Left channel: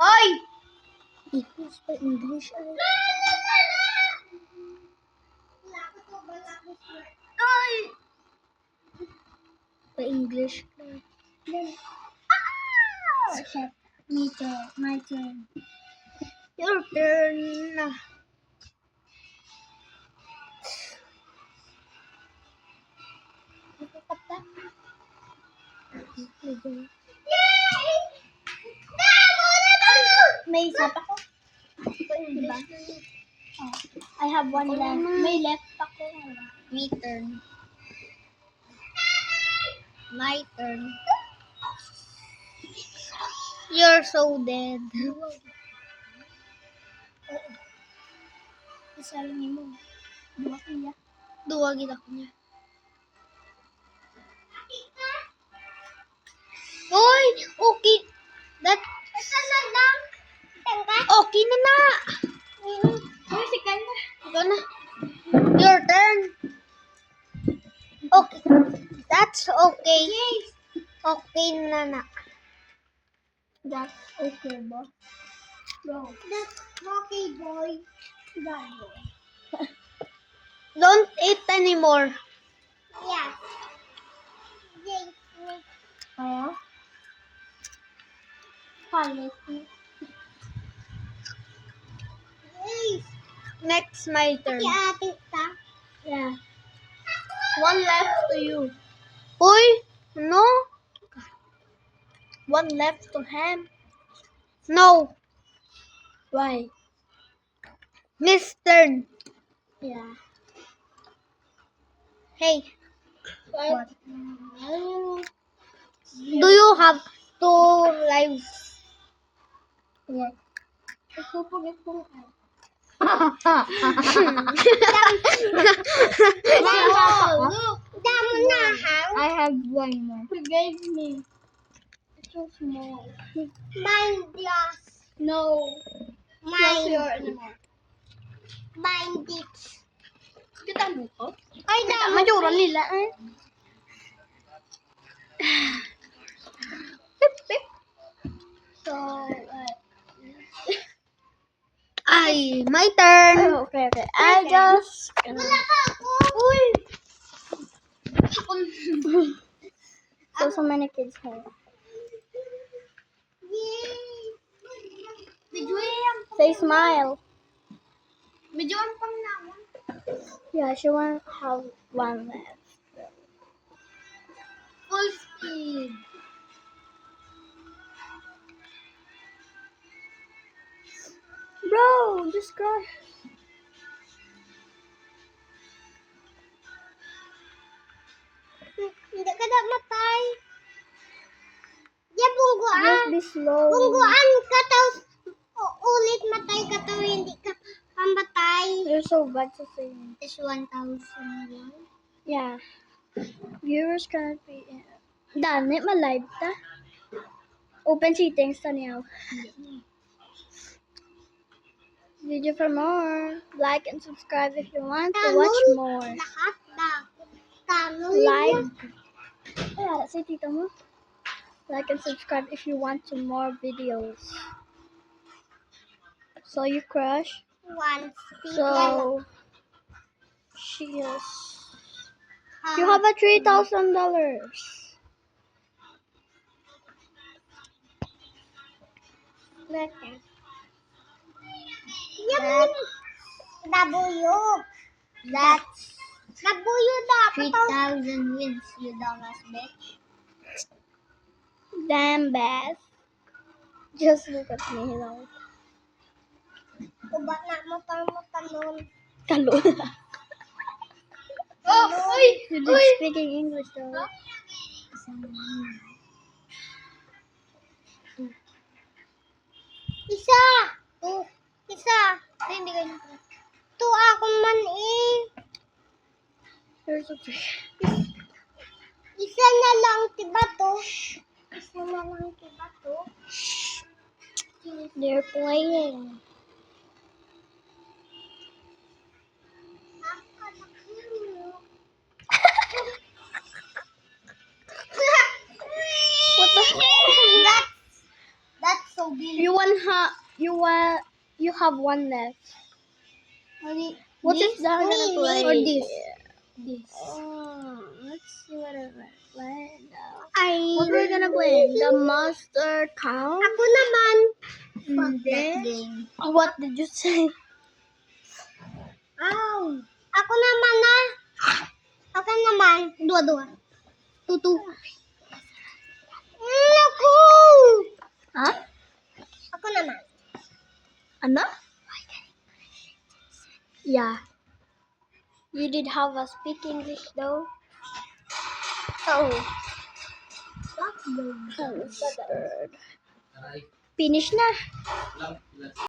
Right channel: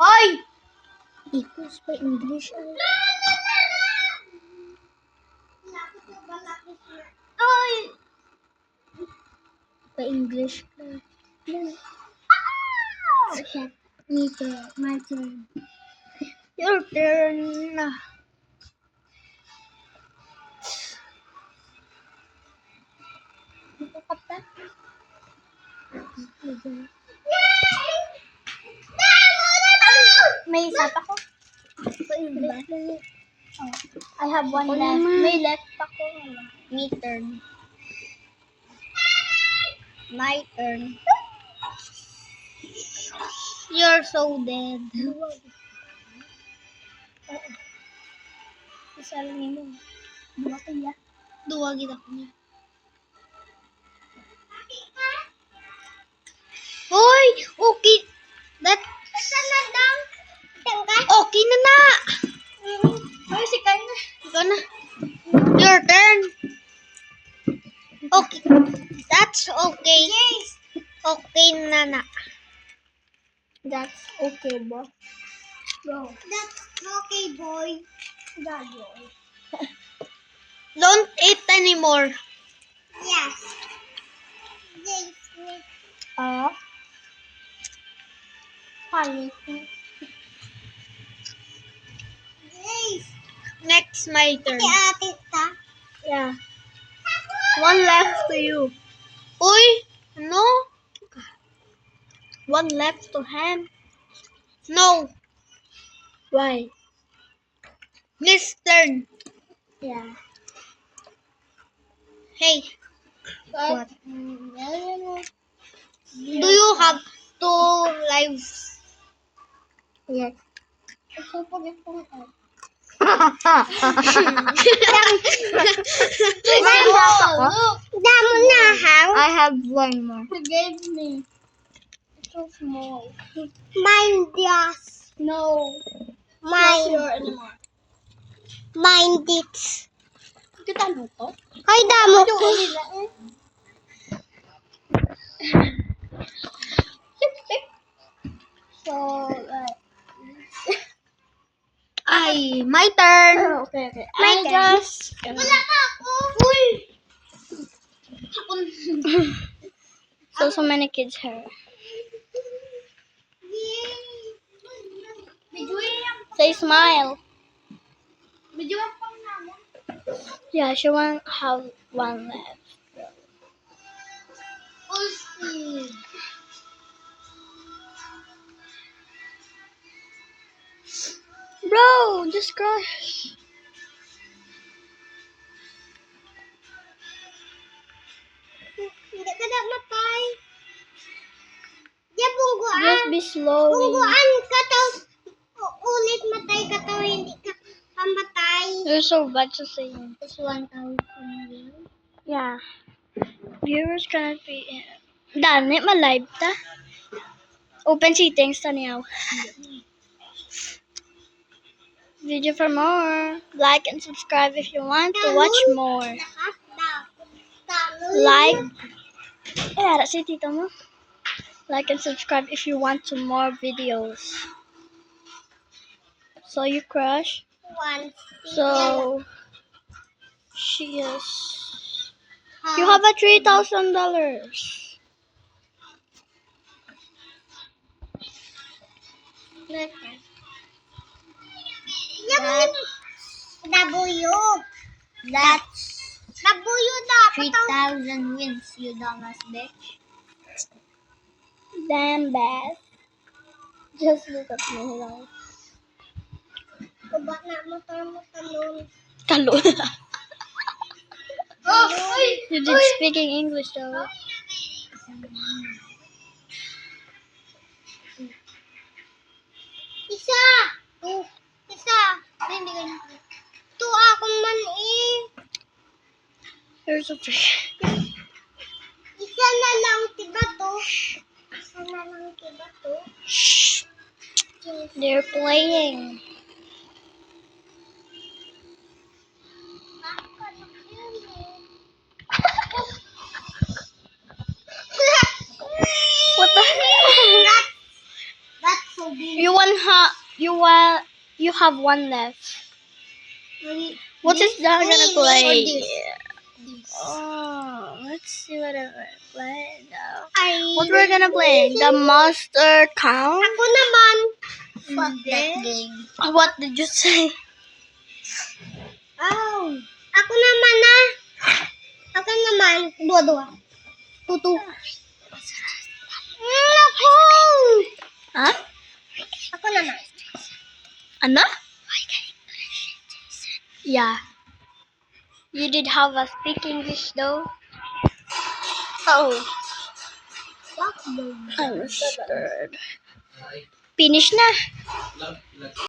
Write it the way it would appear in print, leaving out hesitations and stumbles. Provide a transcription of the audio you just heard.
Hoy! Ipos pa English ay. Hoy! Pa English ka. Shit. Me turn. My turn. Your turn. Nakakata. May isa pa ko. Pa English lang yun. Oh. I have one left. May left pa ko. Me turn. My turn. You're so dead. Oo. Isa lang yun. Dua kaya. Duwa gid ako niya. Hoy! Okay. That... Okay na na! Hoy, si Kaya. Ikaw na. Your turn. Okay. That's okay. Okay na na. That's okay, bro. Go. That's okay, boy. Go. Don't eat anymore. Yes. Ah. Palit. Next, my turn. Yeah. One left to you. Uy! No? One left to him. No. Why? His turn. Yeah. Hey, What? do you have 2 lives? Yes. I have one more. You gave me. It's so small. Mine, yes. No. Mine. Your anymore. Mine, this. Kita mo ko? Ay, damo. Nila eh. So, Ay, my turn. oh, okay. My I turn. just... Wala ka ako. Uy. So many kids here. Say smile. Videoan pang naman. Yeah, she won't have one left. Full speed. Bro, just crush. Hindi ka na matay. Yeah, bungguan. Just be slow. Bungguan ka taw. Ulit matay ka taw. Hindi ka pamatay. You're so bad to saying. It's 1,000 won. Yeah. Viewers cannot be... Dami, ma-live ta. Open settings ta niyaw. Video for more. Like and subscribe if you want to watch more. Lahat daw. Like. Eh, ara si tito mo. Like and subscribe if you want to more videos. So you crush. One. So she is. You have a $3,000. That, W. That's W dapat. 3,000 wins, you dumbass bitch. Damn bad. Just look at me now. Kubat na mo pang mo talon. Talon. Oh, You did speaking English though. Isa. Oh, isa. Hindi ganyan. To akong man eh. Here's a fish. Isa na lang, diba to? Isa na lang, diba to? Shh. They're playing. What the hell? That's so You have one left. What is that gonna play? Oh, let's see what I'm gonna play now. What we're gonna play? The Monster Count? Ako naman. Fuck that game. What did you say? Ako naman na. Ako naman. Dua-dua. Tutu. Naku! Huh? Ako naman. Ano? Yeah. You did have a speak English though. Oh. I'm scared. Finish na.